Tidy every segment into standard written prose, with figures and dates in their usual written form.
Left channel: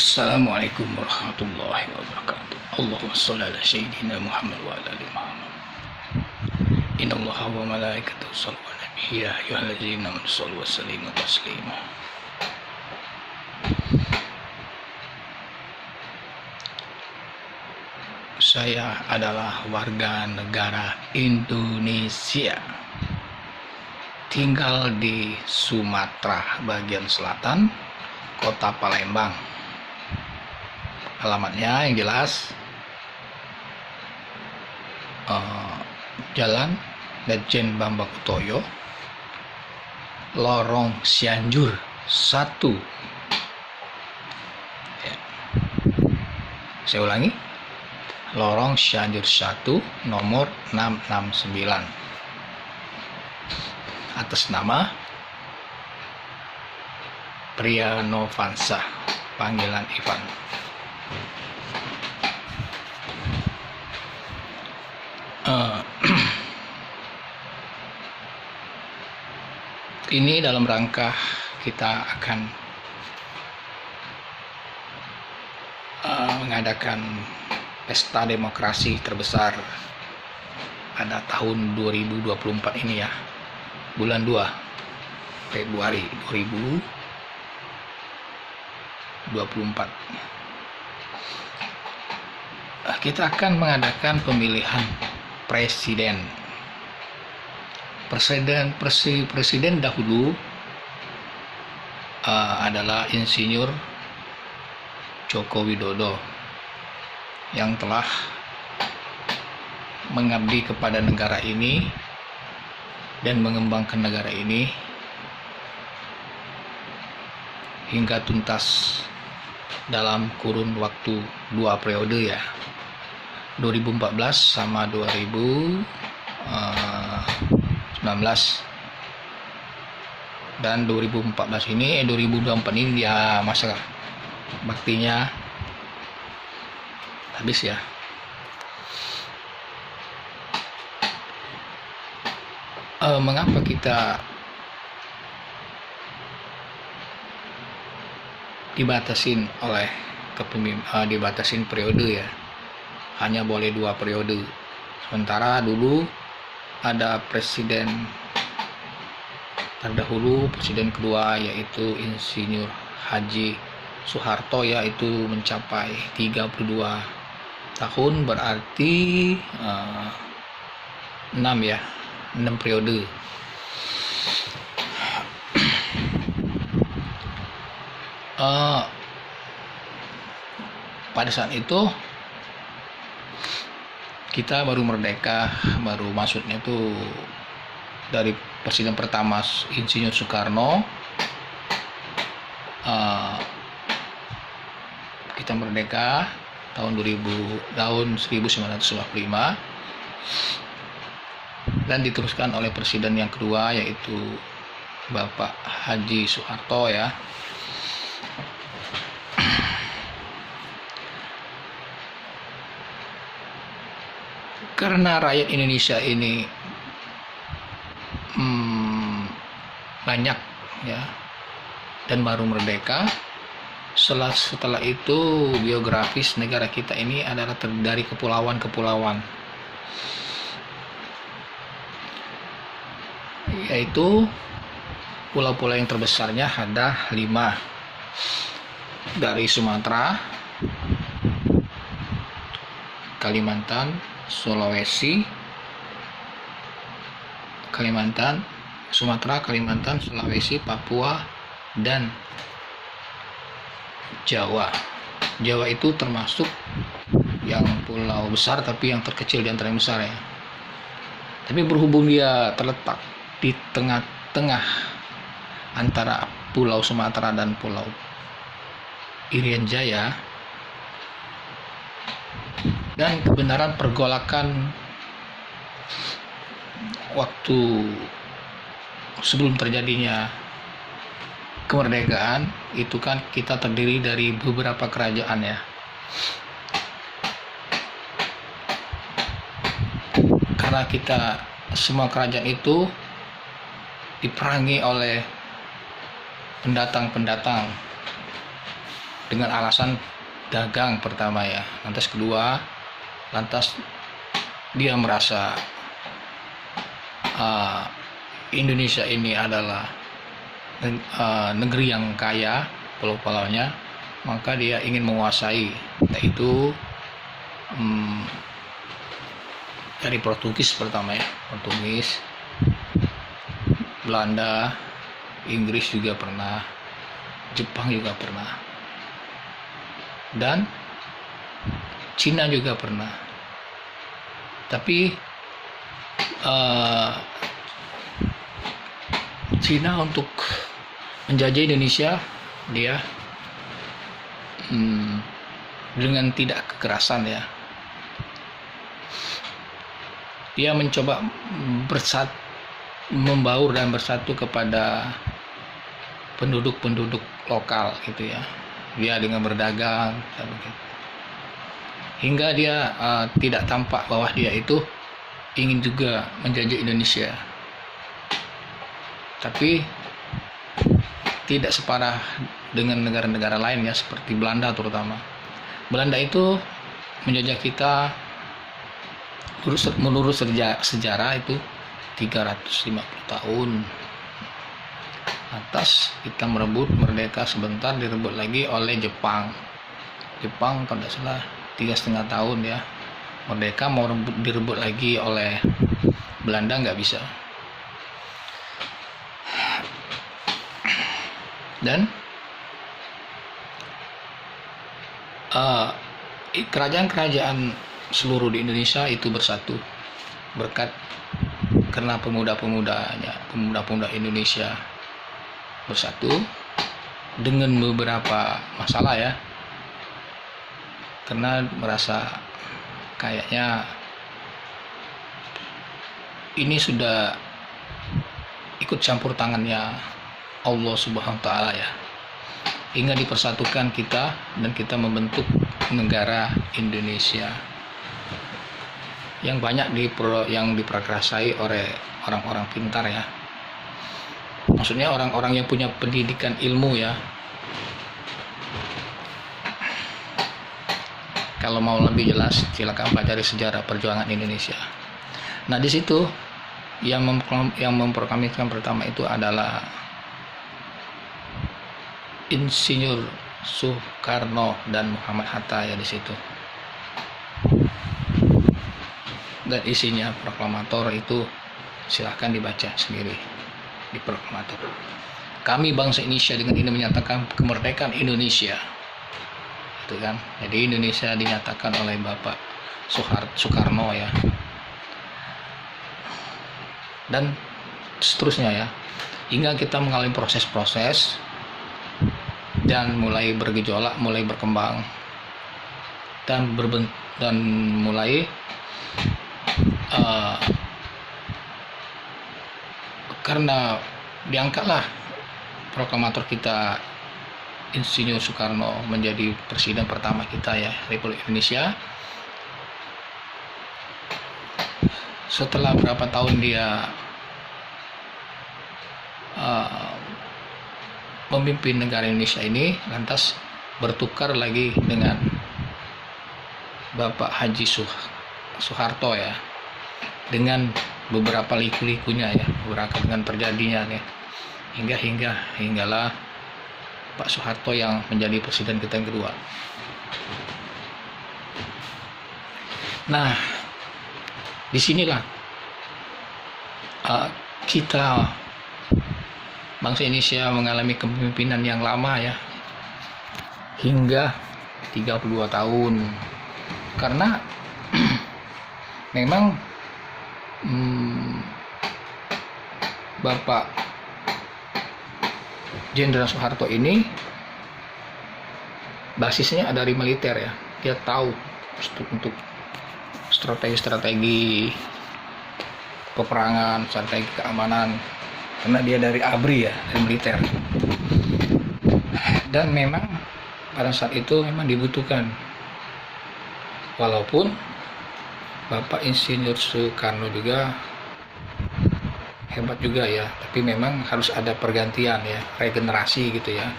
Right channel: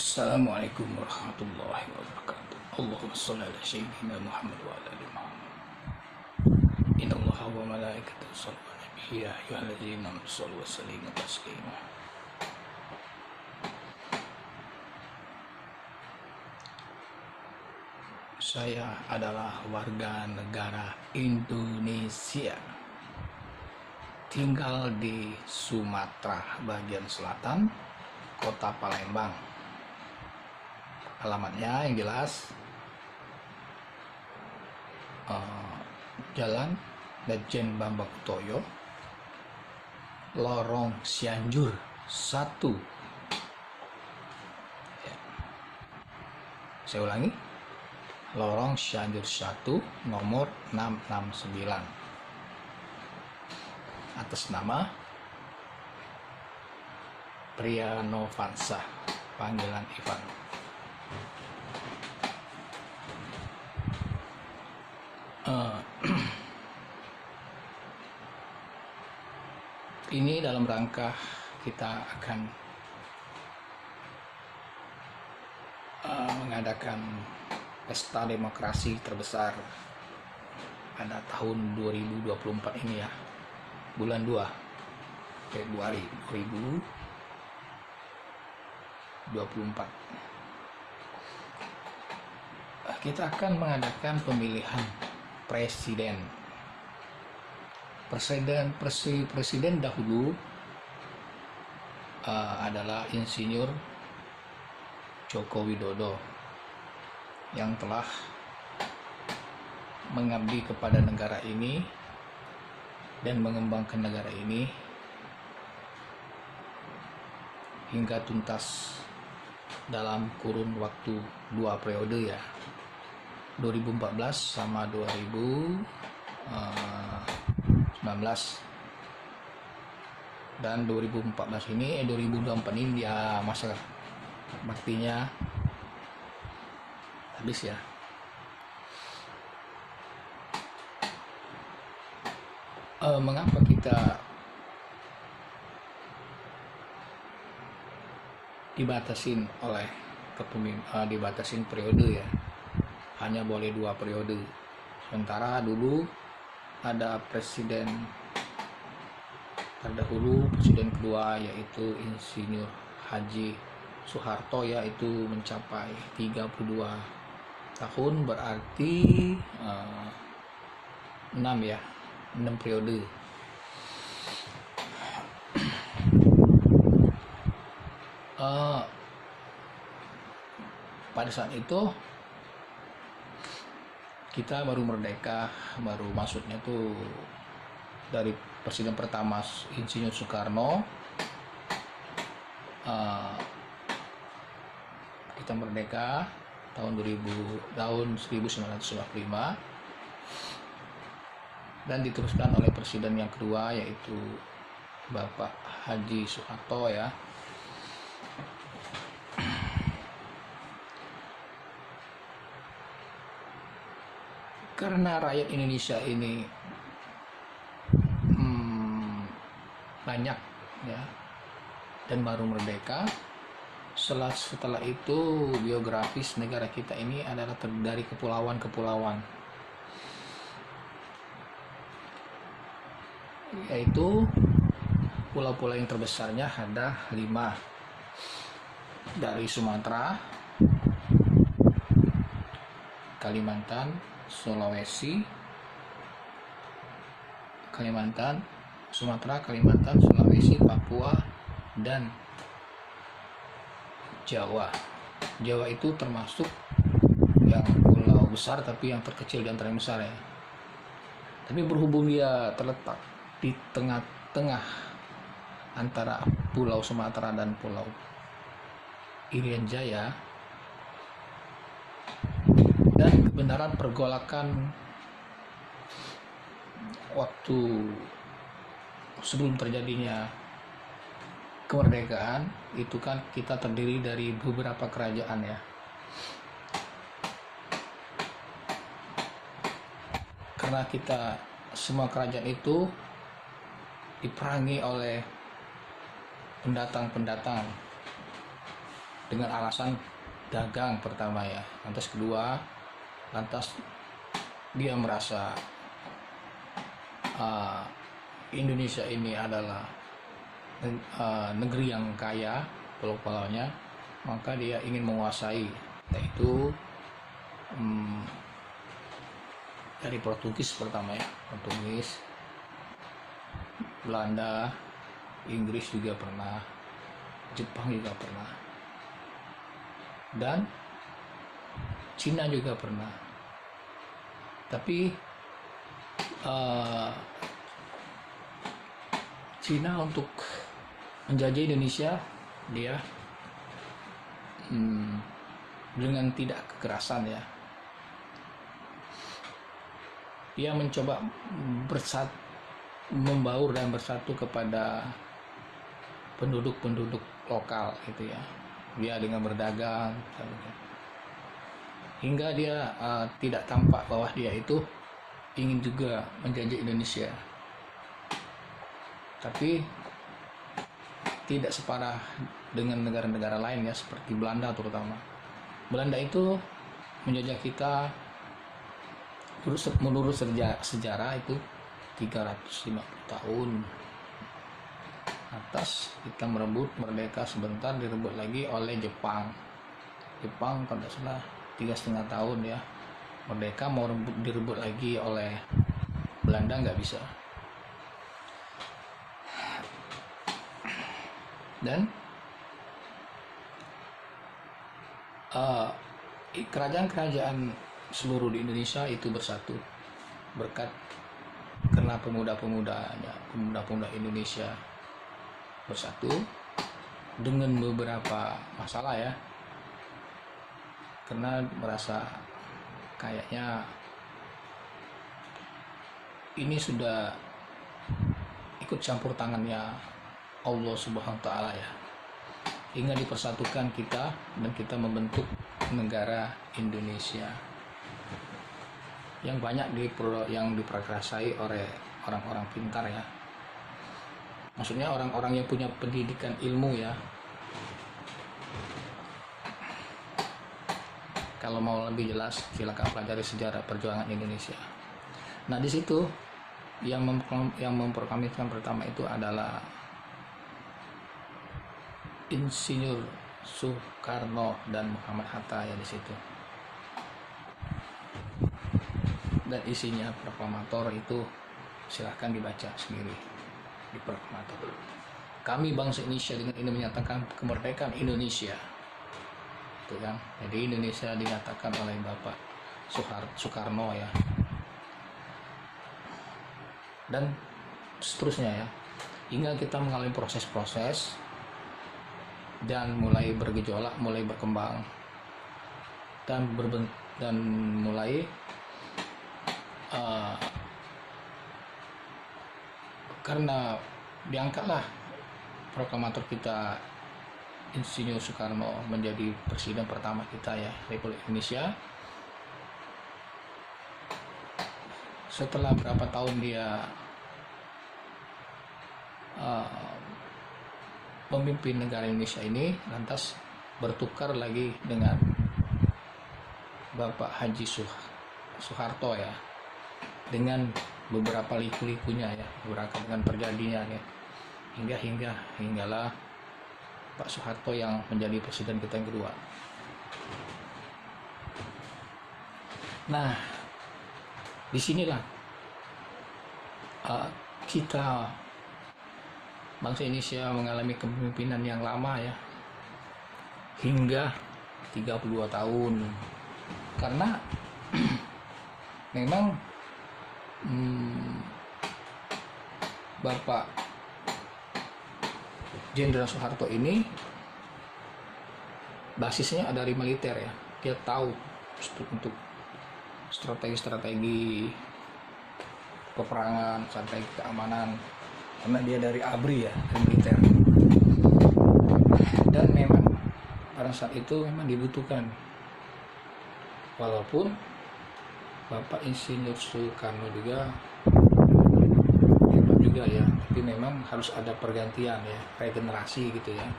Assalamualaikum warahmatullahi wabarakatuh. Allahumma shalli ala sayyidina Muhammad wa ala ali Muhammad. Innallaha wa malaikatahu yusholluna 'alan nabi ya ayyuhallazina amanu shallu wa sallimu taslima. Saya adalah warga negara Indonesia, tinggal di Sumatera bagian selatan, Kota Palembang. Alamatnya yang jelas Jalan Lejen Bambang Utoyo, Lorong Cianjur 1 ya. Saya ulangi, Lorong Cianjur 1 nomor 669, atas nama Pria Novansa, panggilan Ivan. Ini dalam rangka kita akan mengadakan pesta demokrasi terbesar pada tahun 2024 ini ya, bulan 2 Februari 2024. Kita akan mengadakan pemilihan presiden. Presiden dahulu adalah Insinyur Joko Widodo yang telah mengabdi kepada negara ini dan mengembangkan negara ini hingga tuntas dalam kurun waktu 2 periode ya, 2014 sama 2019, dan 2024 ini 2024 ini dia masa baktinya habis ya. Mengapa kita dibatasin oleh dibatasin periode ya, hanya boleh 2 periode, sementara dulu ada presiden terdahulu, presiden kedua yaitu Insinyur Haji Soeharto, yaitu mencapai 32 tahun, berarti 6 periode. Pada saat itu kita baru merdeka, baru maksudnya tuh dari presiden pertama Insinyur Soekarno, kita merdeka tahun 1945, dan diteruskan oleh presiden yang kedua yaitu Bapak Haji Soeharto ya. Karena rakyat Indonesia ini banyak ya, dan baru merdeka, setelah itu biografis negara kita ini adalah terdiri dari kepulauan-kepulauan, yaitu pulau-pulau yang terbesarnya ada 5, dari Sumatera, Kalimantan, Sulawesi, Sumatera, Kalimantan, Sulawesi, Papua, dan Jawa. Jawa itu termasuk yang pulau besar tapi yang terkecil di antara yang besar ya. Tapi berhubung dia terletak di tengah-tengah antara Pulau Sumatera dan Pulau Irian Jaya, dan kebenaran pergolakan waktu sebelum terjadinya kemerdekaan itu kan kita terdiri dari beberapa kerajaan ya. Karena kita semua kerajaan itu diperangi oleh pendatang-pendatang dengan alasan dagang pertama ya. Lantas kedua, lantas dia merasa Indonesia ini adalah negeri yang kaya pulau-pulaunya, maka dia ingin menguasai, yaitu dari Portugis pertama ya, Portugis, Belanda, Inggris juga pernah, Jepang juga pernah, dan Cina juga pernah. Tapi Cina untuk menjajah Indonesia, dia dengan tidak kekerasan ya, dia mencoba membaur dan bersatu kepada penduduk-penduduk lokal gitu ya. Dia dengan berdagang hingga dia tidak tampak bahwa dia itu ingin juga menjajah Indonesia, tapi tidak separah dengan negara-negara lain ya, seperti Belanda terutama. Belanda itu menjajah kita menurut sejarah itu 350 tahun. Atas kita merebut merdeka sebentar, direbut lagi oleh Jepang kalau tidak salah 3,5 tahun ya. Merdeka mau direbut lagi oleh Belanda, nggak bisa. Dan kerajaan-kerajaan seluruh di Indonesia itu bersatu berkat karena pemuda Indonesia bersatu dengan beberapa masalah ya, karena merasa kayaknya ini sudah ikut campur tangannya Allah Subhanahu wa Ta'ala ya, hingga dipersatukan kita dan kita membentuk negara Indonesia yang banyak yang diperkasai oleh orang-orang pintar ya. Maksudnya orang-orang yang punya pendidikan ilmu ya. Kalau mau lebih jelas, silakan pelajari sejarah perjuangan Indonesia. Nah, di situ yang memproklamirkan pertama itu adalah Insinyur Soekarno dan Muhammad Hatta ya di situ. Dan isinya proklamator itu silahkan dibaca sendiri di proklamator. Kami bangsa Indonesia dengan ini menyatakan kemerdekaan Indonesia. Itu kan. Jadi Indonesia dinyatakan oleh Bapak Soekarno ya. Dan seterusnya ya. Hingga kita mengalami proses-proses dan mulai bergejolak, mulai berkembang dan mulai karena diangkatlah proklamator kita Insinyur Soekarno menjadi presiden pertama kita ya, Republik Indonesia. Setelah berapa tahun dia memimpin negara Indonesia ini, lantas bertukar lagi dengan Bapak Haji Soeharto ya, dengan beberapa liku-likunya ya, beberapa dengan terjadinya ya, hinggalah Pak Soeharto yang menjadi presiden kita yang kedua. Nah, disinilah kita bangsa Indonesia mengalami kepemimpinan yang lama ya, hingga 32 tahun, karena memang Bapak Jenderal Soeharto ini basisnya dari militer ya. Dia tahu untuk strategi peperangan, strategi keamanan, karena dia dari ABRI ya, dari militer. Dan memang pada saat itu memang dibutuhkan, walaupun Bapak Insinyur Soekarno juga hebat juga ya, tapi memang harus ada pergantian ya, regenerasi gitu ya.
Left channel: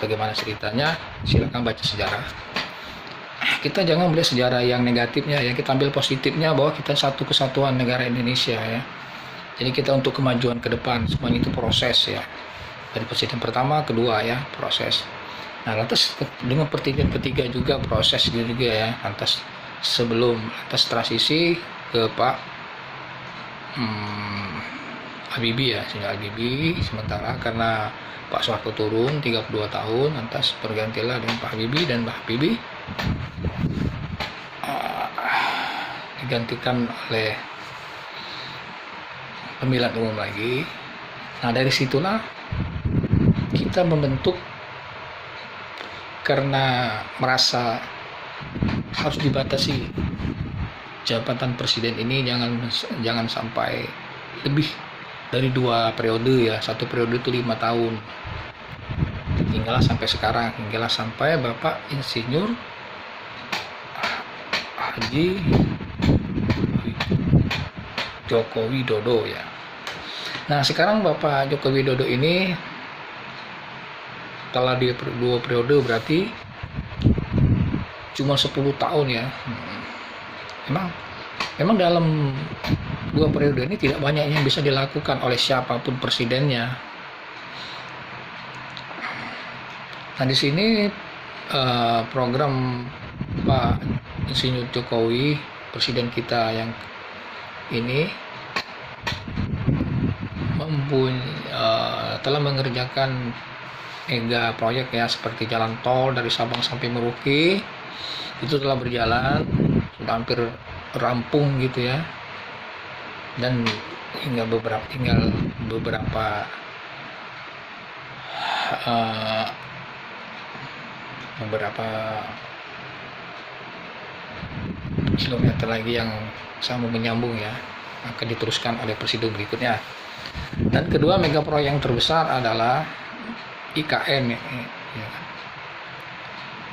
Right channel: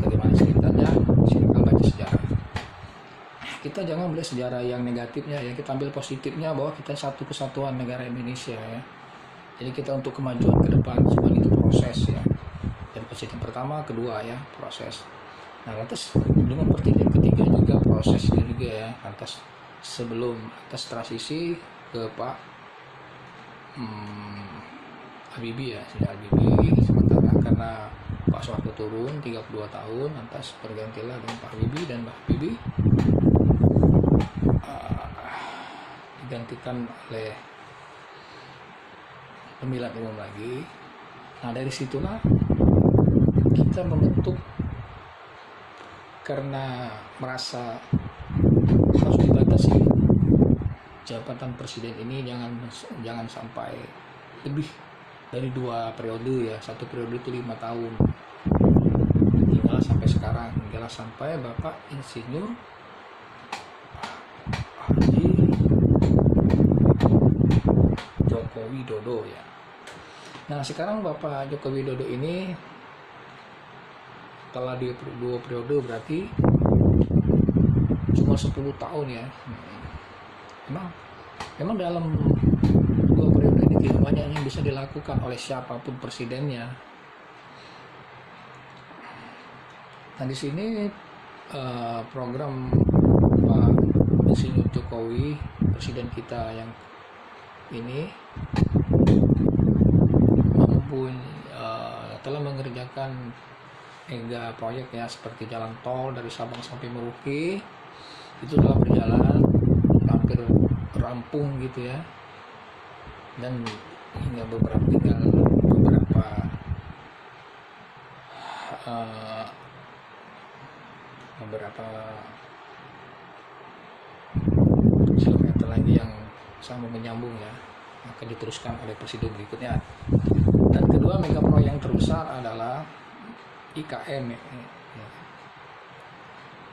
Bagaimana ceritanya? Silakan baca sejarah. Kita jangan melihat sejarah yang negatifnya ya, kita ambil positifnya bahwa kita satu kesatuan negara Indonesia ya. Jadi kita untuk kemajuan ke depan semuanya itu proses ya. Dari presiden pertama, kedua ya, proses. Nah, lantas dengan presiden ketiga juga proses juga ya. Lantas transisi ke Pak Habibie ya, sejak Habibie, sementara karena Pak Soeharto turun 32 tahun, lantas bergantilah dengan Pak Habibie, dan Pak Habibie digantikan oleh pemilihan umum lagi. Nah, dari situlah kita membentuk, karena merasa harus dibatasi jabatan presiden ini jangan sampai lebih dari 2 periode ya. 1 periode itu 5 tahun, hinggalah sampai sekarang, hinggalah sampai Bapak Insinyur Haji Joko Widodo ya. Nah, sekarang Bapak Joko Widodo ini setelah di 2 periode berarti cuma 10 tahun ya. Memang dalam 2 periode ini tidak banyak yang bisa dilakukan oleh siapapun presidennya. Nah, di sini program Pak Insinyur Jokowi, presiden kita yang ini telah mengerjakan mega proyek ya, seperti jalan tol dari Sabang sampai Merauke itu telah berjalan, hampir rampung gitu ya, dan tinggal beberapa kilometer lagi yang sama menyambung ya, akan diteruskan oleh presiden berikutnya. Dan kedua mega proyek yang terbesar adalah IKN ya.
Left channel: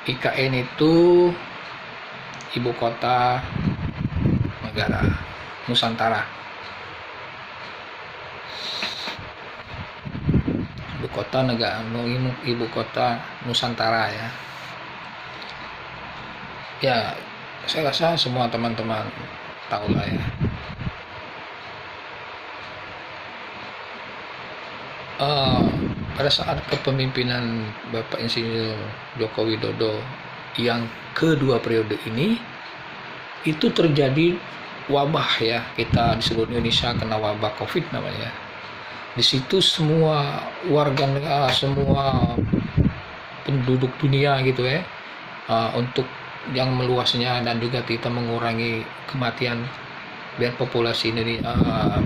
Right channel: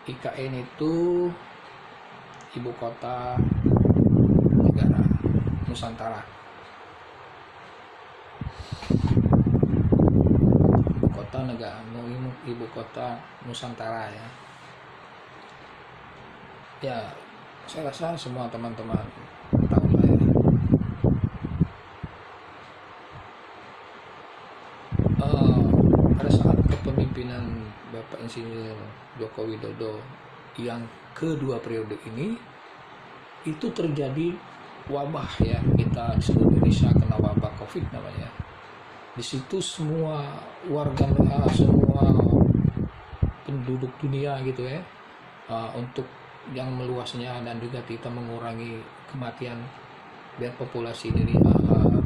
IKN itu Ibu Kota Negara Nusantara. Ibu Kota Nusantara ya. Ya, saya rasa semua teman-teman tahu lah ya. Pada saat kepemimpinan Bapak Insinyur Joko Widodo yang kedua periode ini, itu terjadi wabah ya, kita di seluruh Indonesia kena wabah COVID namanya. Di situ semua semua penduduk dunia gitu ya, untuk yang meluasnya dan juga kita mengurangi kematian biar populasi ini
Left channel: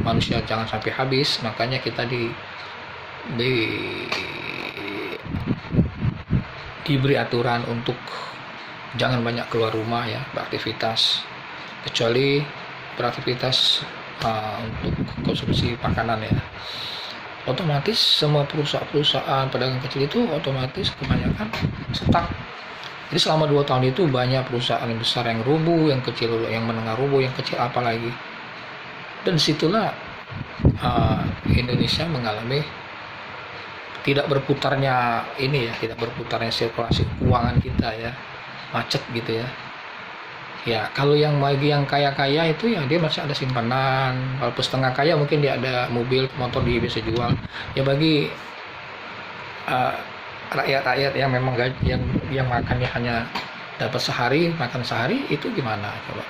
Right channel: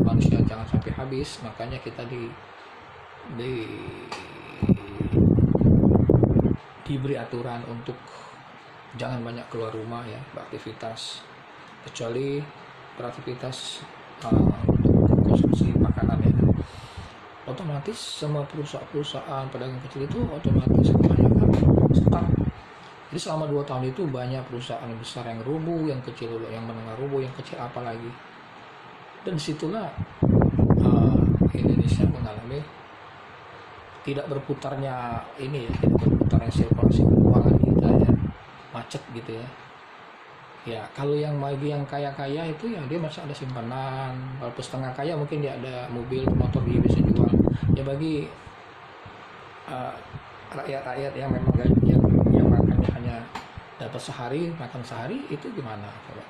manusia jangan sampai habis, makanya kita diberi aturan untuk jangan banyak keluar rumah ya, beraktivitas, kecuali beraktivitas untuk konsumsi makanan ya. Otomatis semua perusahaan pedagang kecil itu otomatis kebanyakan stuck. Jadi selama 2 tahun itu banyak perusahaan yang besar yang rubuh, yang kecil yang menengah rubuh, yang kecil apalagi. Dan situlah Indonesia mengalami tidak berputarnya sirkulasi keuangan kita ya, macet gitu ya. Ya kalau bagi yang kaya-kaya itu ya dia masih ada simpanan, walaupun setengah kaya mungkin dia ada mobil, motor dia bisa jual. Ya bagi rakyat-rakyat yang memang yang makannya hanya dapat makan sehari, itu gimana coba?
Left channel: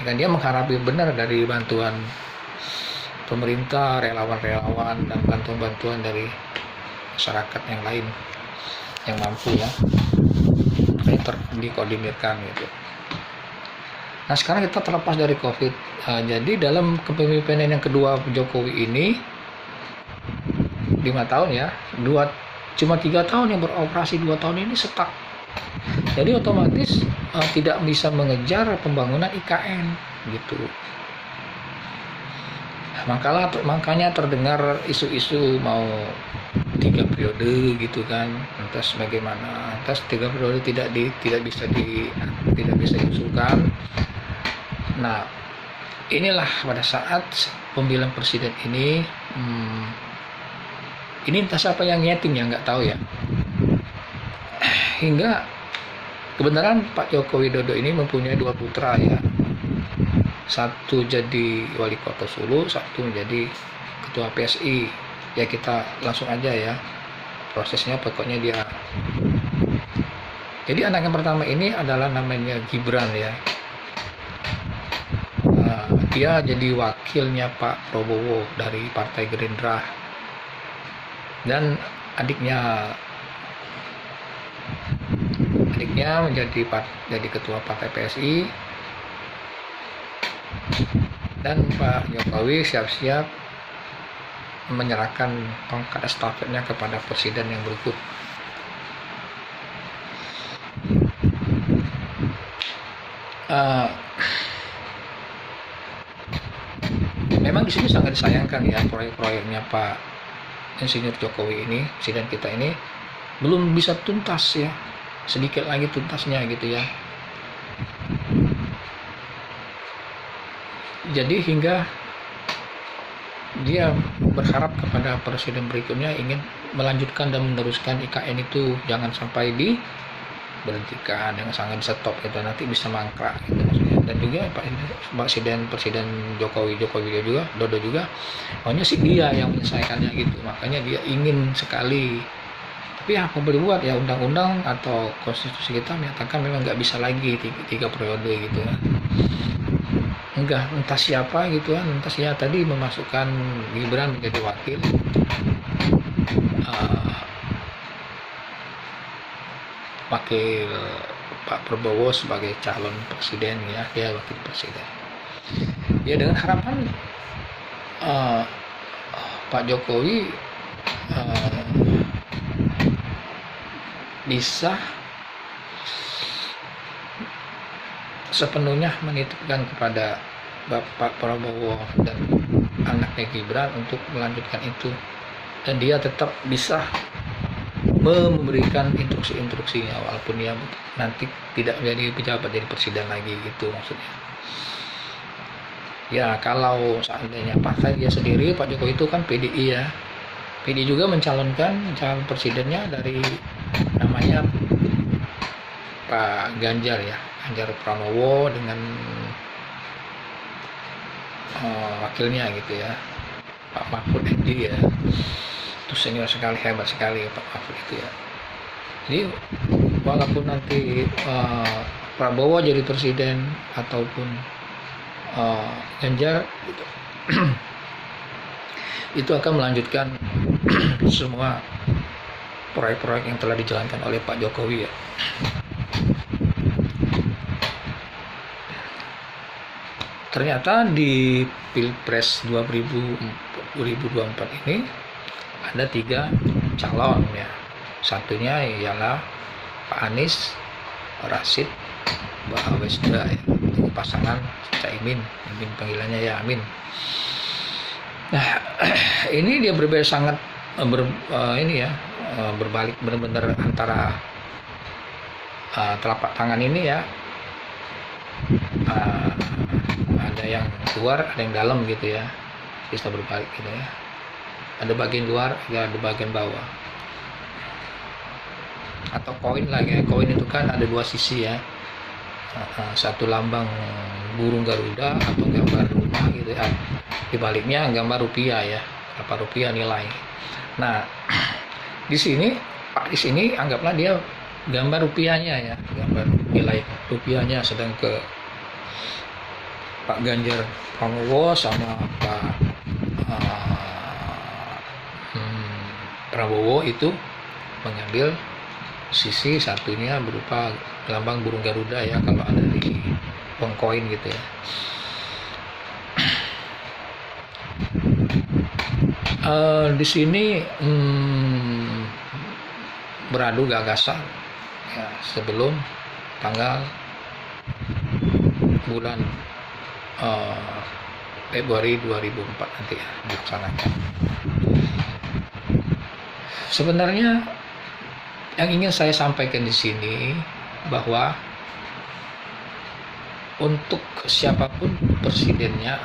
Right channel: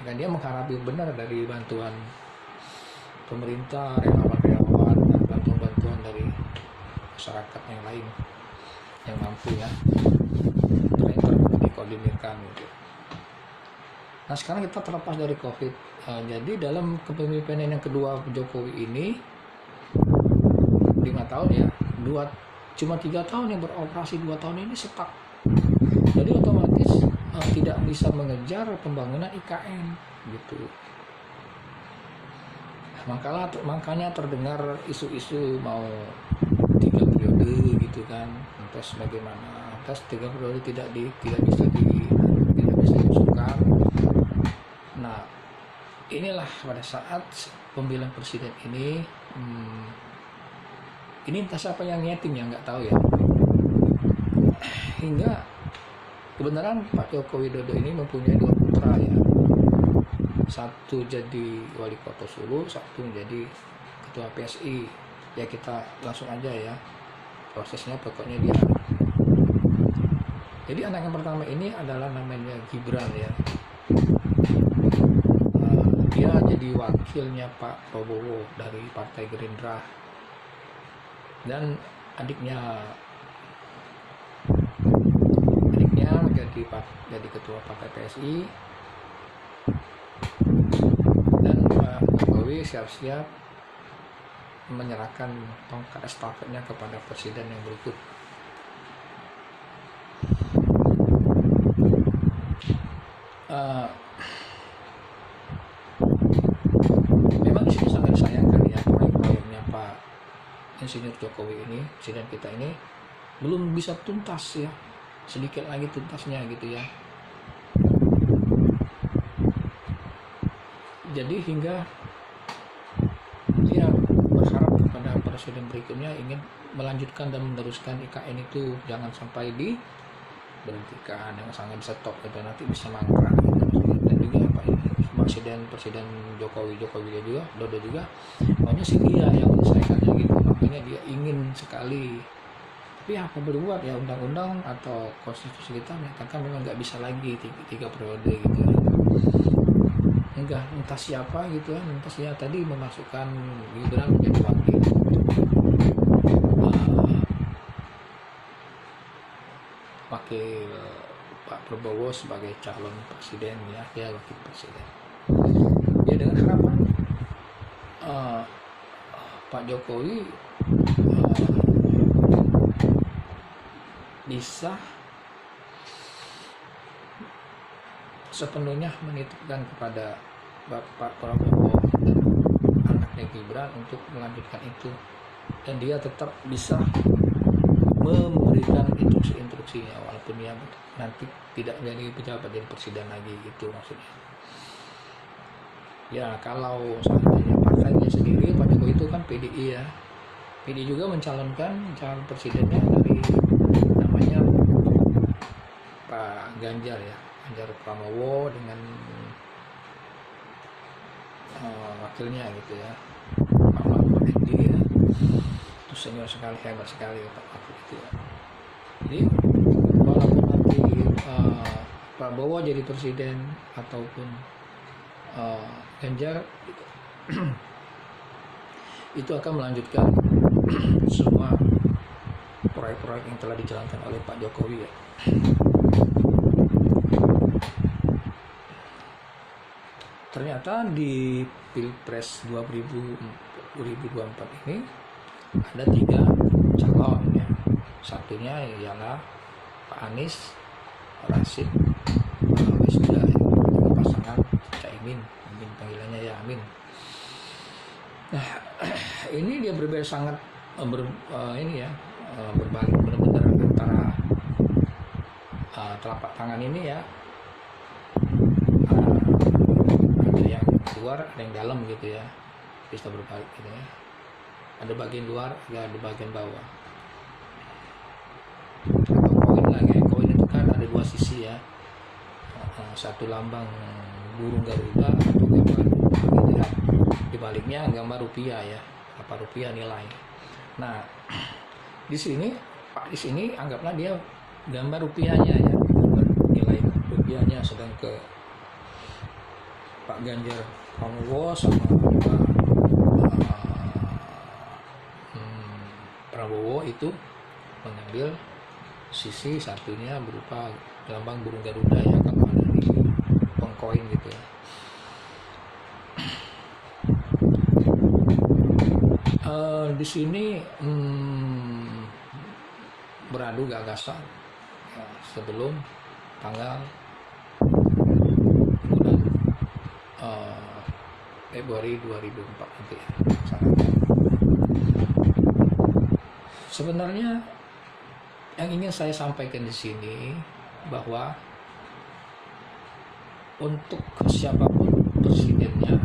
Ya kan dia mengharapkan benar dari bantuan pemerintah, relawan-relawan, dan bantuan-bantuan dari masyarakat yang lain yang mampu ya, dikoordinirkan gitu. Nah sekarang kita terlepas dari COVID, jadi dalam kepemimpinan yang kedua Jokowi ini 5 tahun ya, cuma 3 tahun yang beroperasi, 2 tahun ini stuck. Jadi otomatis tidak bisa mengejar pembangunan IKN gitu. Makanya terdengar isu-isu mau 3 periode gitu kan. Lantas bagaimana? Lantas 3 periode tidak bisa diusulkan. Nah, inilah pada saat pemilihan presiden ini entah siapa yang nyeting ya, nggak tahu ya. hingga kebenaran Pak Joko Widodo ini mempunyai 2 putra ya. Satu jadi wali kota Solo, satu menjadi ketua PSI. Ya kita langsung aja ya prosesnya, pokoknya dia. Jadi anak yang pertama ini adalah namanya Gibran ya. Dia jadi wakilnya Pak Prabowo dari Partai Gerindra, dan adiknya jadi ketua Partai PSI, dan Pak Jokowi siap-siap menyerahkan tongkat estafetnya kepada presiden yang berikut. Memang di sini sangat disayangkan ya, proyek-proyeknya Pak Insinyur Jokowi ini, presiden kita ini belum bisa tuntas ya, sedikit lagi tuntasnya gitu ya. Jadi hingga dia berharap kepada presiden berikutnya ingin melanjutkan dan meneruskan IKN itu, jangan sampai diberhentikan, yang sangat di stop gitu, nanti bisa mangkrak gitu maksudnya. Dan juga presiden Jokowi Dodo juga maunya sih dia yang menyelesaikannya gitu, makanya dia ingin sekali. Tapi apa boleh buat ya, undang-undang atau konstitusi kita menyatakan memang nggak bisa lagi 3 periode gitu ya. Enggak, entah siapa gitu kan, entah siapa tadi memasukkan Gibran menjadi wakil Pak Prabowo sebagai calon presiden ya, dia wakil presiden ya, dengan harapan Pak Jokowi bisa sepenuhnya menitipkan kepada Bapak Prabowo dan anaknya Gibran untuk melanjutkan itu, dan dia tetap bisa memberikan instruksi-instruksinya walaupun dia nanti tidak menjadi pejabat, jadi presiden lagi gitu maksudnya. Ya kalau seandainya partai dia sendiri, Pak Jokowi itu kan PDI ya, PDI juga mencalonkan calon presidennya dari namanya Pak Ganjar ya, Ganjar Pranowo dengan wakilnya gitu ya, Pak Mahfud MD ya. Itu senior sekali, hebat sekali Pak Mahfud itu ya. Jadi walaupun nanti Prabowo jadi presiden ataupun Ganjar gitu, itu akan melanjutkan semua proyek-proyek yang telah dijalankan oleh Pak Jokowi ya. Ternyata di Pilpres 2024 ini ada 3 calon ya. Satunya ialah Pak Anies, Rashid, Pak Wisnu ya. Itu pasangan Caimin, panggilannya ya Amin. Nah, ini dia berbeda sangat berbalik benar-benar antara telapak tangan ini ya. Ada yang luar, ada yang dalam gitu ya, bisa berbalik gitu ya. Ada bagian luar, ada bagian bawah. Atau koin lagi, koin itu kan ada 2 sisi ya. Satu lambang burung Garuda atau gambar rumah gitu ya. Di baliknya gambar rupiah ya, berapa rupiah nilai. Nah, di sini anggaplah dia gambar rupiahnya ya, gambar nilai rupiahnya, sedang ke Pak Ganjar Pranowo sama Pak Prabowo itu mengambil sisi satunya berupa lambang burung Garuda ya, kalau ada di koin gitu ya. Di sini beradu gagasan ya, sebelum tanggal bulan Februari 2004 nanti ya laksanakan. Sebenarnya yang ingin saya sampaikan di sini bahwa untuk siapapun presidennya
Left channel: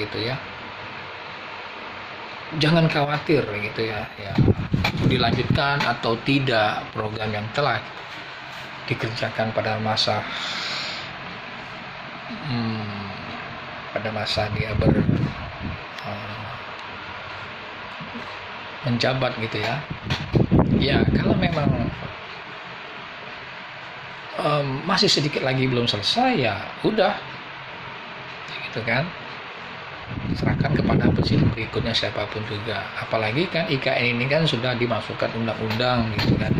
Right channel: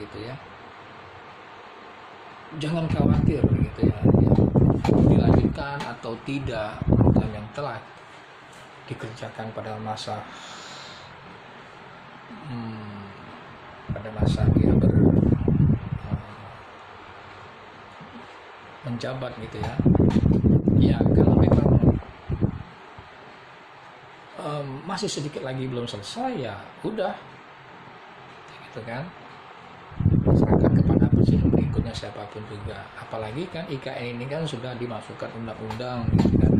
gitu ya, jangan khawatir gitu ya, dilanjutkan atau tidak program yang telah dikerjakan pada masa dia menjabat gitu ya. Ya kalau memang masih sedikit lagi belum selesai, ya udah gitu kan, serahkan kepada presiden berikutnya siapapun juga. Apalagi kan IKN ini kan sudah dimasukkan undang-undang gitu kan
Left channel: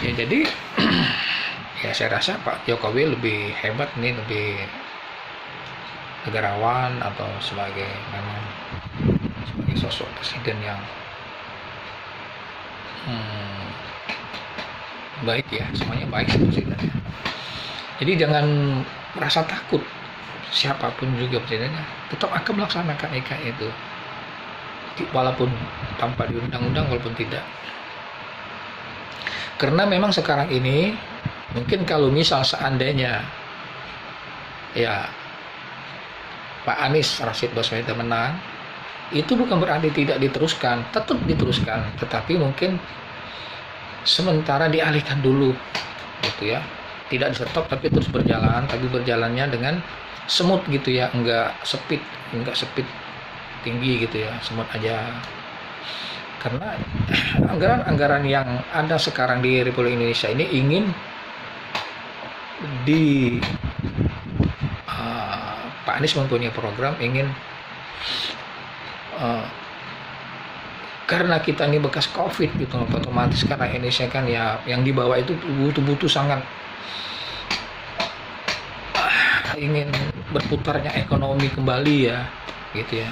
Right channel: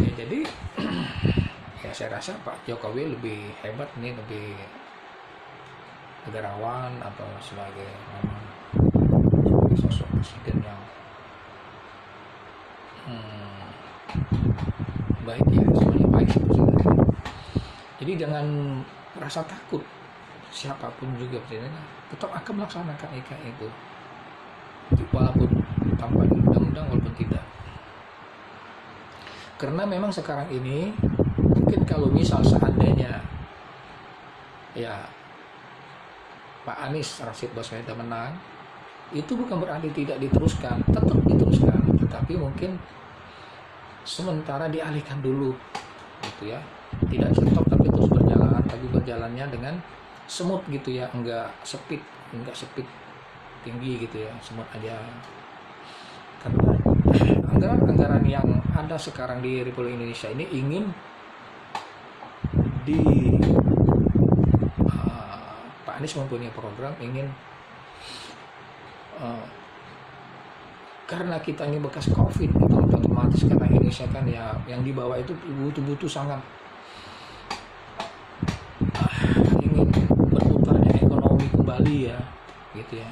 ya. Jadi ya saya rasa Pak Jokowi lebih hebat nih, lebih negarawan, atau sebagai sosok presiden yang baik ya, semuanya baik sebenarnya. Jadi jangan merasa takut, siapapun juga presidennya tetap akan melaksanakan IKN itu, walaupun tanpa di undang-undang, walaupun tidak. Karena memang sekarang ini mungkin kalau misal seandainya ya Pak Anies Rashid Baswedan menang, itu bukan berarti tidak diteruskan, tetap diteruskan, tetapi mungkin sementara dialihkan dulu gitu ya, tidak stop tapi terus berjalan, tapi berjalannya dengan semut gitu ya, enggak speed tinggi gitu ya, semut aja. Karena anggaran yang ada sekarang di Republik Indonesia ini ingin Pak Anies mempunyai program ingin karena kita ini bekas COVID gitu, otomatis karena Indonesia kan ya yang di bawah itu butuh sangat ingin berputarnya ekonomi kembali ya gitu ya.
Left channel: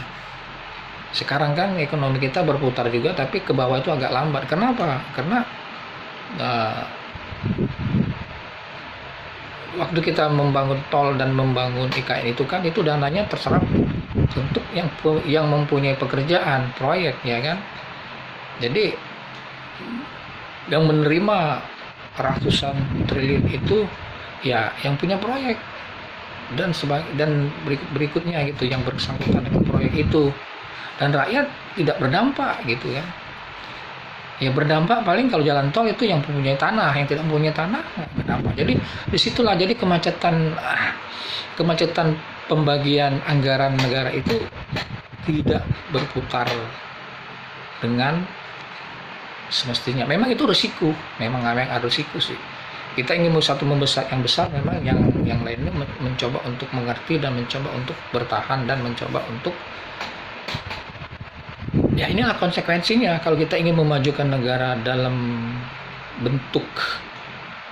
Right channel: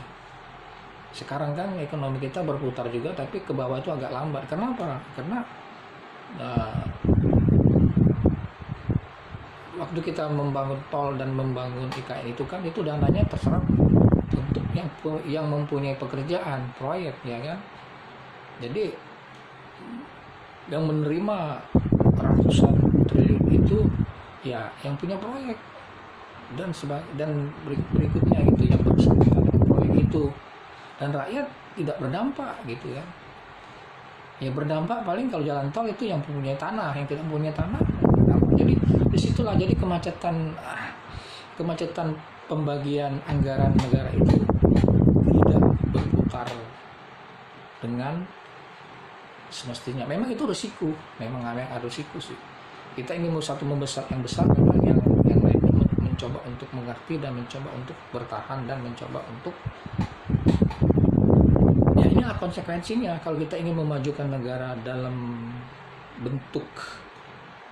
Sekarang kan ekonomi kita berputar juga, tapi ke bawah itu agak lambat. Kenapa? Karena waktu kita membangun tol dan membangun IKN itu kan, itu dananya terserap untuk yang mempunyai pekerjaan proyek ya kan. Jadi yang menerima ratusan triliun itu ya yang punya proyek dan berikutnya gitu yang bersangkutan dengan proyek itu, dan rakyat tidak berdampak gitu ya. Ya berdampak paling kalau jalan tol itu yang mempunyai tanah, yang tidak mempunyai tanah berdampak. Jadi disitulah jadi kemacetan pembagian anggaran negara itu tidak berputar dengan semestinya. Memang itu risiko, memang ada risiko sih. Kita ingin satu membesar yang besar, memang yang lainnya mencoba untuk mengerti dan mencoba untuk bertahan dan mencoba untuk ya inilah konsekuensinya kalau kita ingin memajukan negara dalam bentuk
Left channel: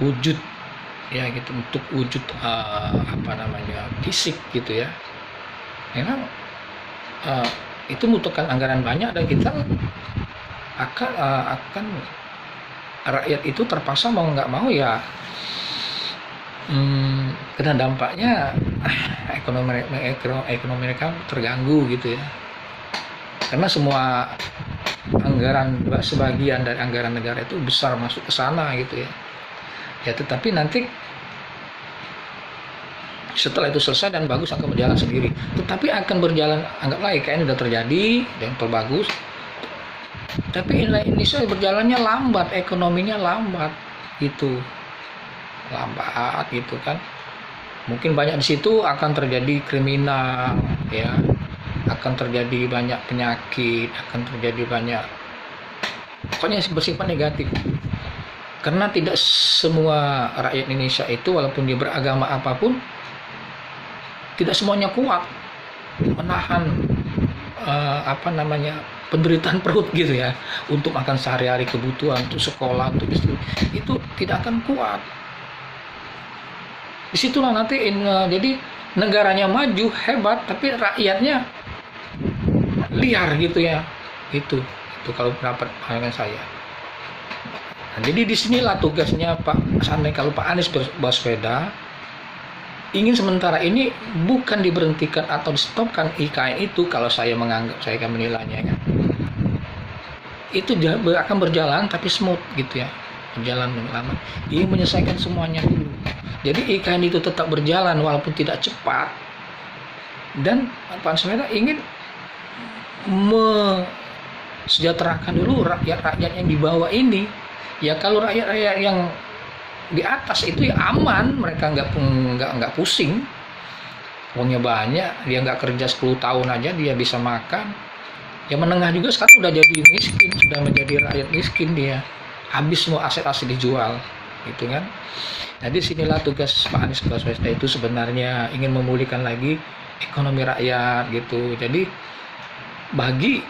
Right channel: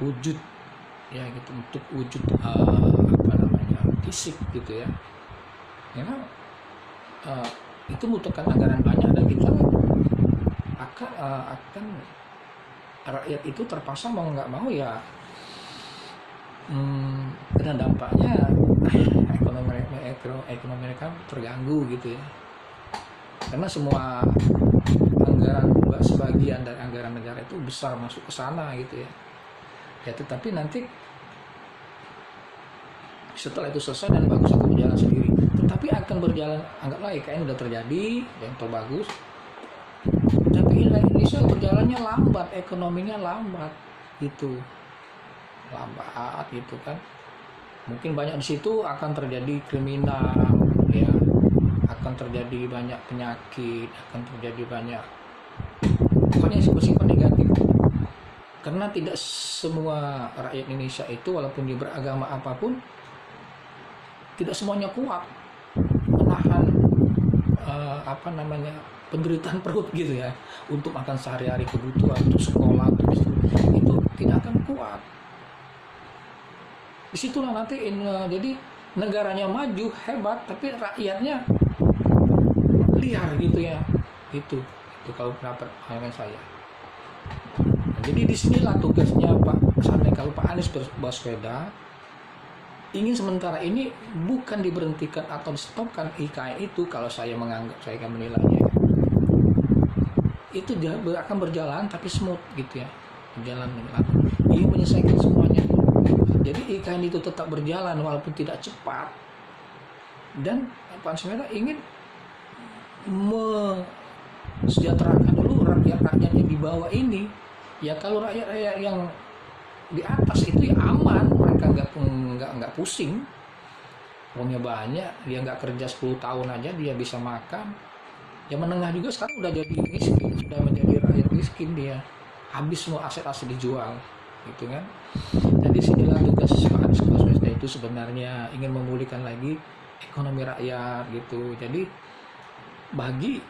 wujud ya gitu, untuk wujud fisik gitu ya. Memang itu membutuhkan anggaran banyak, dan kita akan rakyat itu terpaksa mau nggak mau ya kena dampaknya, ekonomi mereka terganggu gitu ya. Karena semua anggaran, sebagian dari anggaran negara itu besar masuk ke sana gitu ya. Ya tetapi nanti setelah itu selesai dan bagus akan berjalan sendiri. Tetapi akan berjalan, anggaplah IKN sudah terjadi dan terbagus, tapi Indonesia berjalannya lambat, ekonominya lambat gitu, kan. Mungkin banyak di situ akan terjadi kriminal ya, akan terjadi banyak penyakit, akan terjadi banyak pokoknya bersifat negatif. Karena tidak semua rakyat Indonesia itu walaupun dia beragama apapun, tidak semuanya kuat menahan penderitaan perut gitu ya, untuk makan sehari-hari, kebutuhan, untuk sekolah, untuk istri, itu tidak akan kuat. Disitulah nanti jadi negaranya maju hebat, tapi rakyatnya liar gitu ya. Itu kalau pendapat pandangan saya. Nah, jadi disinilah tugasnya kalau Pak Anies Baswedan ingin sementara ini bukan diberhentikan atau di-stopkan IKN itu, kalau saya akan menilainya kan, itu akan berjalan tapi smooth gitu ya, berjalan lama, ingin menyelesaikan semuanya. Jadi IKN itu tetap berjalan walaupun tidak cepat, dan Pak Baswedan ingin sejahterakan dulu rakyat-rakyat yang di bawah ini. Ya kalau rakyat-rakyat yang di atas itu ya aman, mereka nggak pusing, uangnya banyak, dia nggak kerja 10 tahun aja dia bisa makan. Yang menengah juga sekarang udah jadi miskin, sudah menjadi rakyat miskin, dia habis semua aset-aset dijual gitu kan. Jadi sinilah tugas Pak Anies Baswedan itu sebenarnya ingin memulihkan lagi ekonomi rakyat gitu. Jadi bagi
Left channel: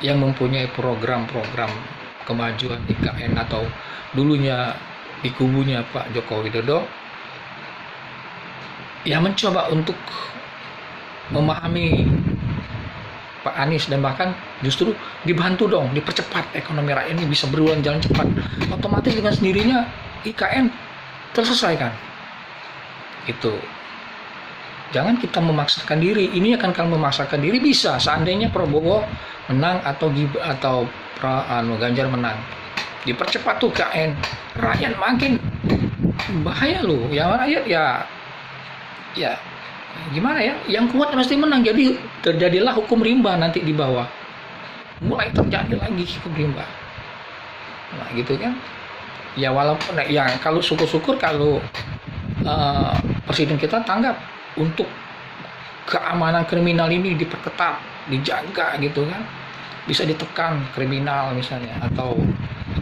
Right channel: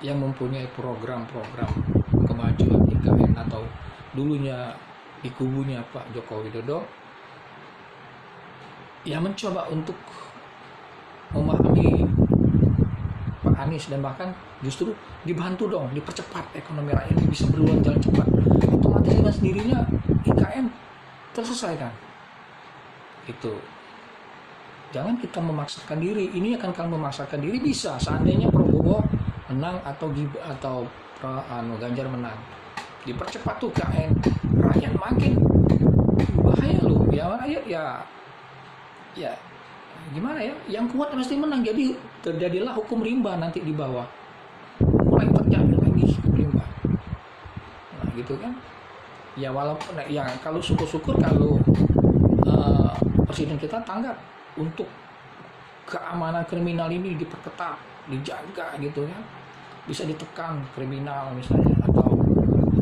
yang mempunyai program-program kemajuan IKN atau dulunya di kubunya Pak Joko Widodo, ya mencoba untuk memahami Pak Anies dan bahkan justru dibantu dong, dipercepat ekonomi rakyat ini bisa berulang jalan cepat. Otomatis dengan sendirinya IKN terselesaikan. Itu. Jangan kita memaksakan diri. Ini akan kalau memaksakan diri bisa. Seandainya Prabowo menang atau Ganjar menang, dipercepat tuh IKN, rakyat makin bahaya loh. Ya rakyat ya gimana ya? Yang kuat pasti menang. Jadi terjadilah hukum rimba nanti di bawah. Mulai terjadi lagi hukum rimba. Nah gitu kan. Ya walaupun ya kalau syukur-syukur kalau presiden kita tanggap untuk keamanan kriminal ini diperketat, dijaga gitu kan, bisa ditekan kriminal misalnya, atau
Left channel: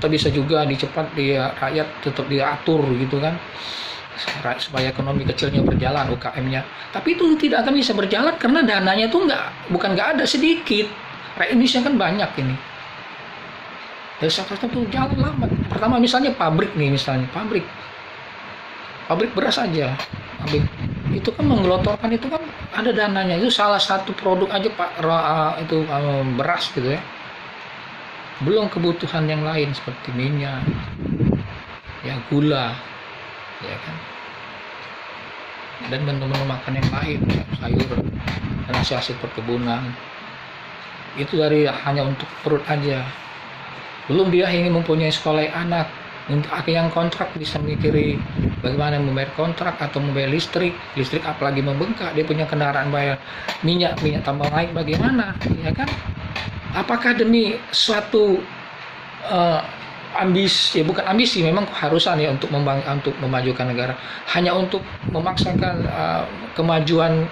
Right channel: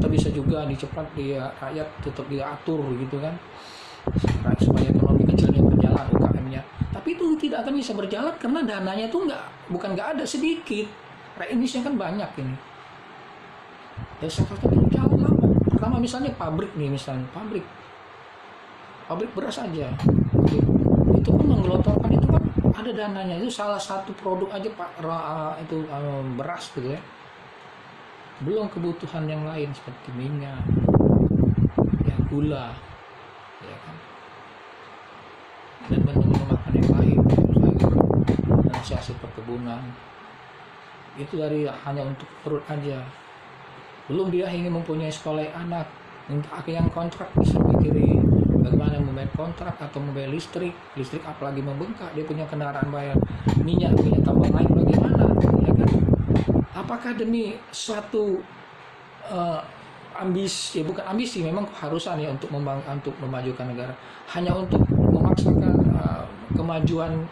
bisa juga dicepat dia rakyat tetap diatur gitu kan, supaya ekonomi kecilnya berjalan, UKM-nya. Tapi itu tidak akan bisa berjalan karena dananya tuh bukan nggak ada, sedikit. Rakyat Indonesia kan banyak ini. Dari sektor itu jalan lambat. Pertama misalnya pabrik beras aja, itu kan menggelontorkan itu kan ada dananya, itu salah satu produk aja Pak itu beras gitu ya, belum kebutuhan yang lain seperti minyak, ya gula, ya kan, dan menu-menu makan yang lain, sayur dan hasil perkebunan itu hanya untuk perut aja. Belum dia ingin mempunyai sekolah anak, untuk yang kontrak bisa mikiri bagaimana membayar kontrak atau membayar listrik apalagi membengkak, dia punya kendaraan, bayar minyak tambah naik, bagaimana ya kan. Apakah demi suatu ambisi, ya bukan ambisi, memang keharusan ya untuk memajukan negara, hanya untuk memaksakan kemajuan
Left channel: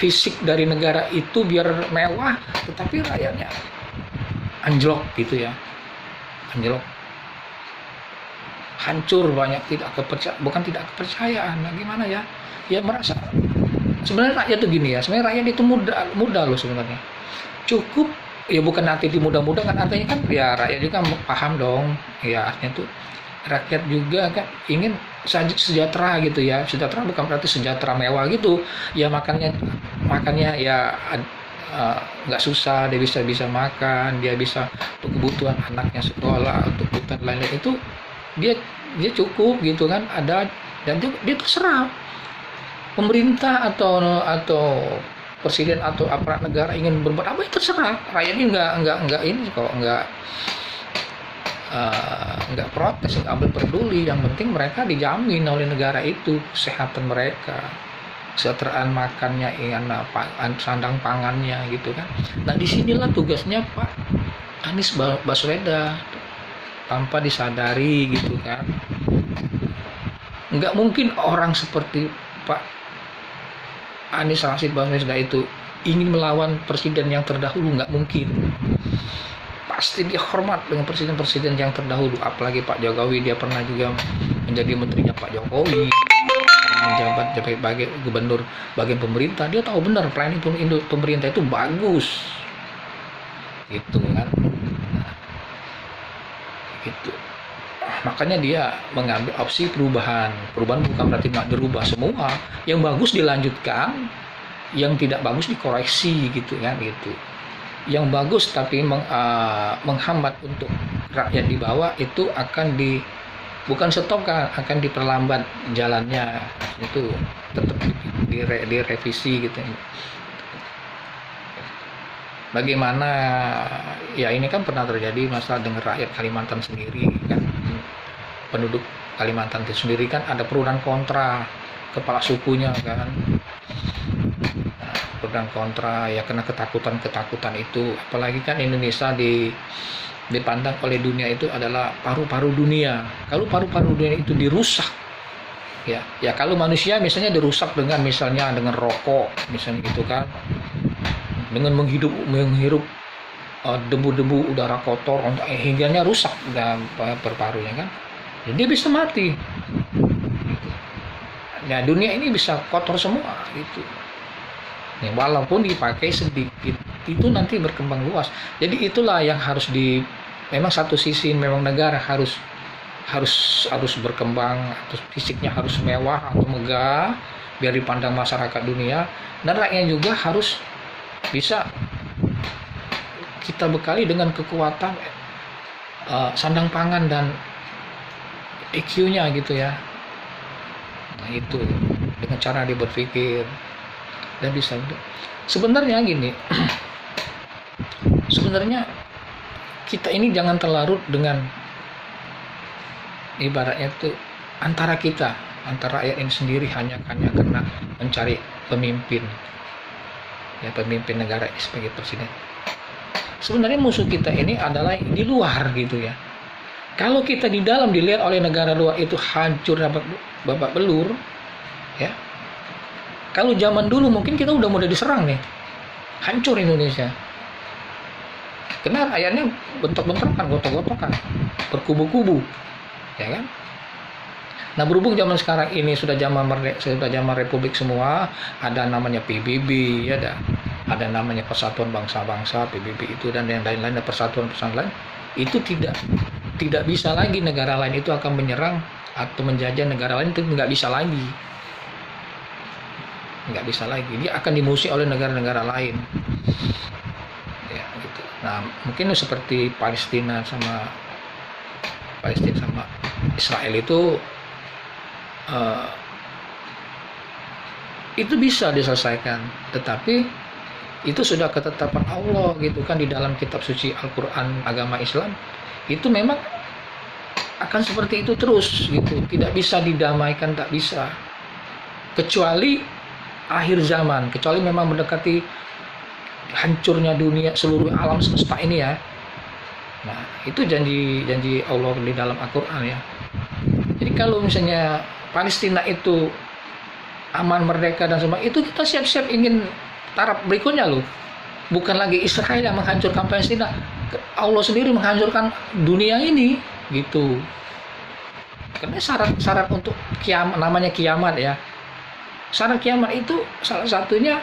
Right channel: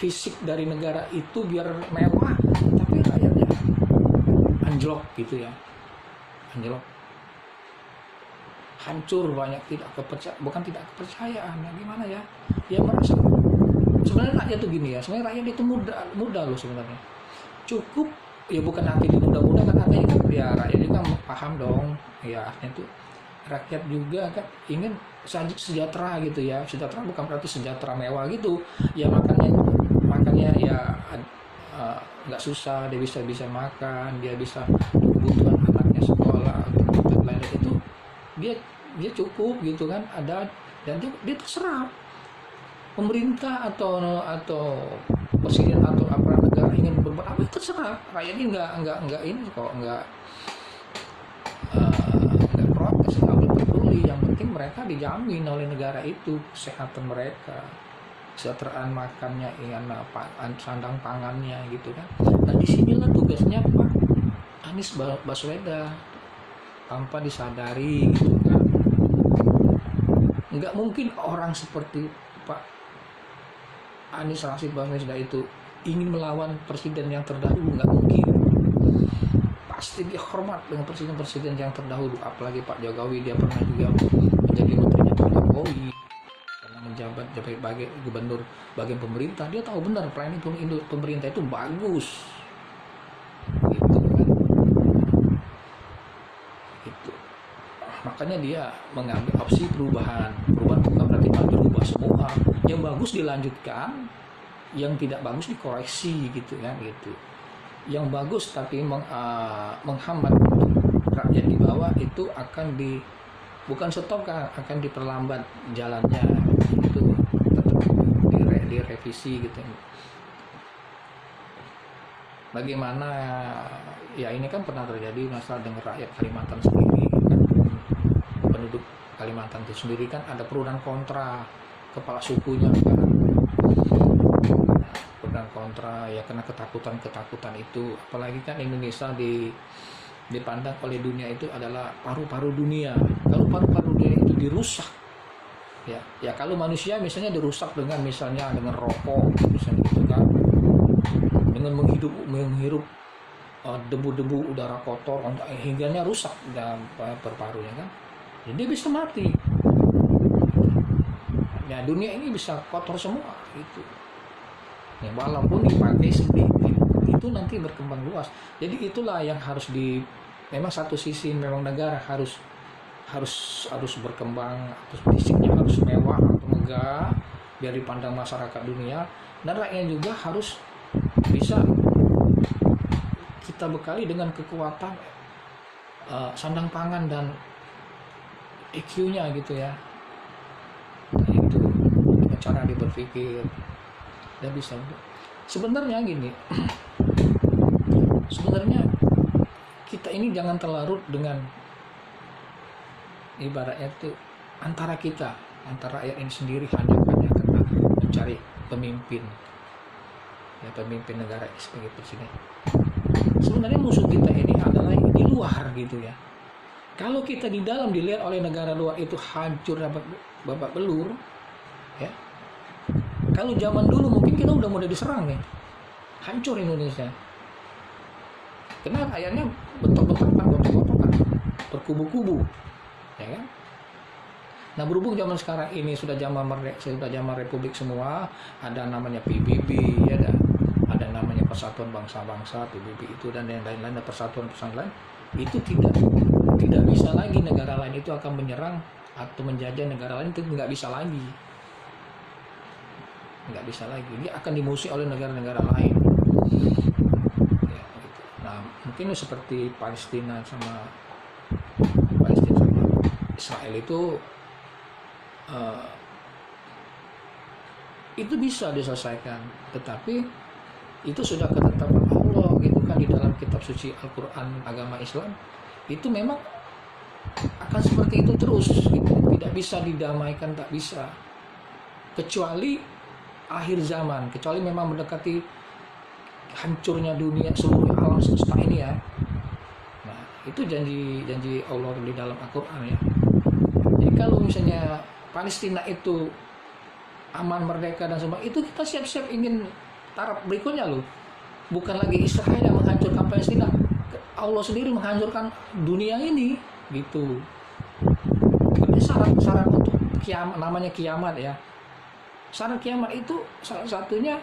fisik dari negara itu biar mewah, tapi rakyatnya anjlok gitu ya, anjlok, hancur, banyak tidak kepercayaan. Nah, gimana ya? Ya merasa sebenarnya rakyat itu gini ya. Sebenarnya rakyat itu mudah loh sebenarnya. Cukup ya, bukan nanti dimudah-mudah kan, artinya kan ya rakyat juga paham dong. Ya artinya tuh rakyat juga kan ingin sejahtera gitu ya. Sejahtera bukan berarti sejahtera mewah gitu. Ya makannya ya nggak susah, dia bisa makan, dia bisa untuk kebutuhan anaknya sekolah, untuk kebutuhan lain-lain itu dia cukup gitu kan, ada, dan dia terserah pemerintah atau presiden atau aparat negara ingin berbuat apa, itu terserah. Rakyat ini nggak ini kok, nggak protes, nggak peduli. Yang penting mereka dijamin oleh negara itu kesehatan mereka, kesejahteraan makannya, sandang pangannya gitu kan. Nah disinilah tugasnya Pak Anies Baswedan, tanpa disadari gitu kan. Nggak mungkin orang seperti Pak Anies Rashid Baswedan itu ingin melawan presiden yang terdahulu, nggak mungkin. Pasti dia hormat dengan presiden-presiden yang terdahulu, apalagi Pak Jokowi, dia pernah juga menjadi menterinya Pak Jokowi, menjabat sebagai gubernur bagian pemerintah. Dia tahu benar pelayanan pemerintah itu bagus gitu kan. Gitu. Makanya dia mengambil opsi perubahan bukan berarti berubah semua, yang bagus dilanjutkan, yang tidak bagus dikoreksi gitu kan, gitu. Yang bagus tapi menghambat untuk rakyat di bawah itu bukan stop kan, akan diperlambat jalannya, itu tetap direvisi gitu. Bagaimana ya, ini kan pernah terjadi masalah dengan rakyat Kalimantan sendiri kan, penduduk Kalimantan itu sendiri kan ada pro dan kontra, kepala sukunya kan, pro dan kontra ya, karena ketakutan itu, apalagi kan Indonesia dipandang oleh dunia itu adalah paru-paru dunia. Kalau paru-paru dunia itu dirusak, ya kalau manusia misalnya dirusak dengan rokok misalnya gitu kan, dengan menghirup debu-debu udara kotor, hingganya rusak dalam paru-parunya kan, jadi dia bisa mati. Nah, dunia ini bisa kotor semua gitu. Ya, walaupun dipakai sedikit, itu nanti berkembang luas. Jadi itulah yang harus memang satu sisi memang negara harus berkembang, atau fisiknya harus mewah atau megah biar dipandang masyarakat dunia, dan rakyatnya juga harus bisa kita bekali dengan kekuatan sandang pangan dan IQ-nya gitu ya. Nah, itu dengan cara dia berpikir dan bisa. Sebenarnya gini, sebenarnya kita ini jangan terlarut dengan ibaratnya itu antara rakyat ini sendiri hanya karena mencari pemimpin negara ini sebagai presiden. Sebenarnya musuh kita ini adalah di luar gitu ya. Kalau kita di dalam dilihat oleh negara luar itu hancur babak belur ya. Kalau zaman dulu mungkin kita udah mulai diserang nih, hancur Indonesia. Karena rakyatnya bentrok-bentrokan, gotok-gotokan, berkubu-kubu, ya kan? Nah, berhubung zaman sekarang ini sudah zaman republik semua, ada namanya PBB, ya ada namanya Persatuan Bangsa-Bangsa, PBB itu, dan yang lain-lain, ada persatuan lain, itu tidak bisa lagi negara lain itu akan menyerang atau menjajah negara lain, itu nggak bisa lagi, dia akan dimusuhi oleh negara-negara lain ya, gitu. Nah, mungkin seperti Palestina sama Israel itu bisa diselesaikan, tetapi itu sudah ketetapan Allah gitu kan, di dalam kitab suci Al-Quran agama Islam itu memang akan seperti itu terus gitu, tidak bisa didamaikan, tak bisa, kecuali akhir zaman, kecuali memang mendekati hancurnya dunia, seluruh alam semesta ini ya. Nah, itu janji Allah di dalam Al-Quran ya. Jadi kalau misalnya Palestina itu aman, merdeka dan semua, itu kita siap-siap ingin taraf berikutnya loh. Bukan lagi Israel yang menghancurkan Palestina, Allah sendiri menghancurkan dunia ini gitu. Karena syarat untuk kiamat, namanya kiamat ya. Syarat kiamat itu salah satunya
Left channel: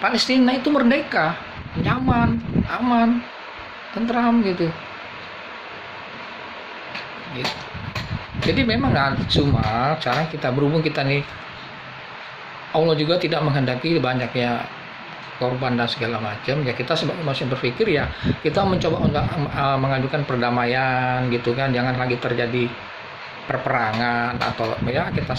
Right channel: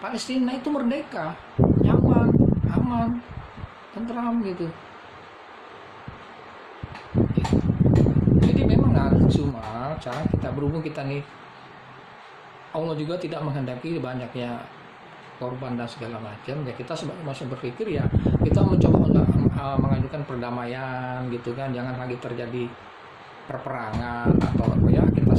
Palestina itu merdeka, nyaman, aman, tentram gitu. Jadi memang cuma cara kita, berhubung kita nih, Allah juga tidak menghendaki banyaknya korban dan segala macam ya, kita sebagai manusia berpikir ya, kita mencoba untuk mengajukan perdamaian gitu kan, jangan lagi terjadi perperangan atau ya kita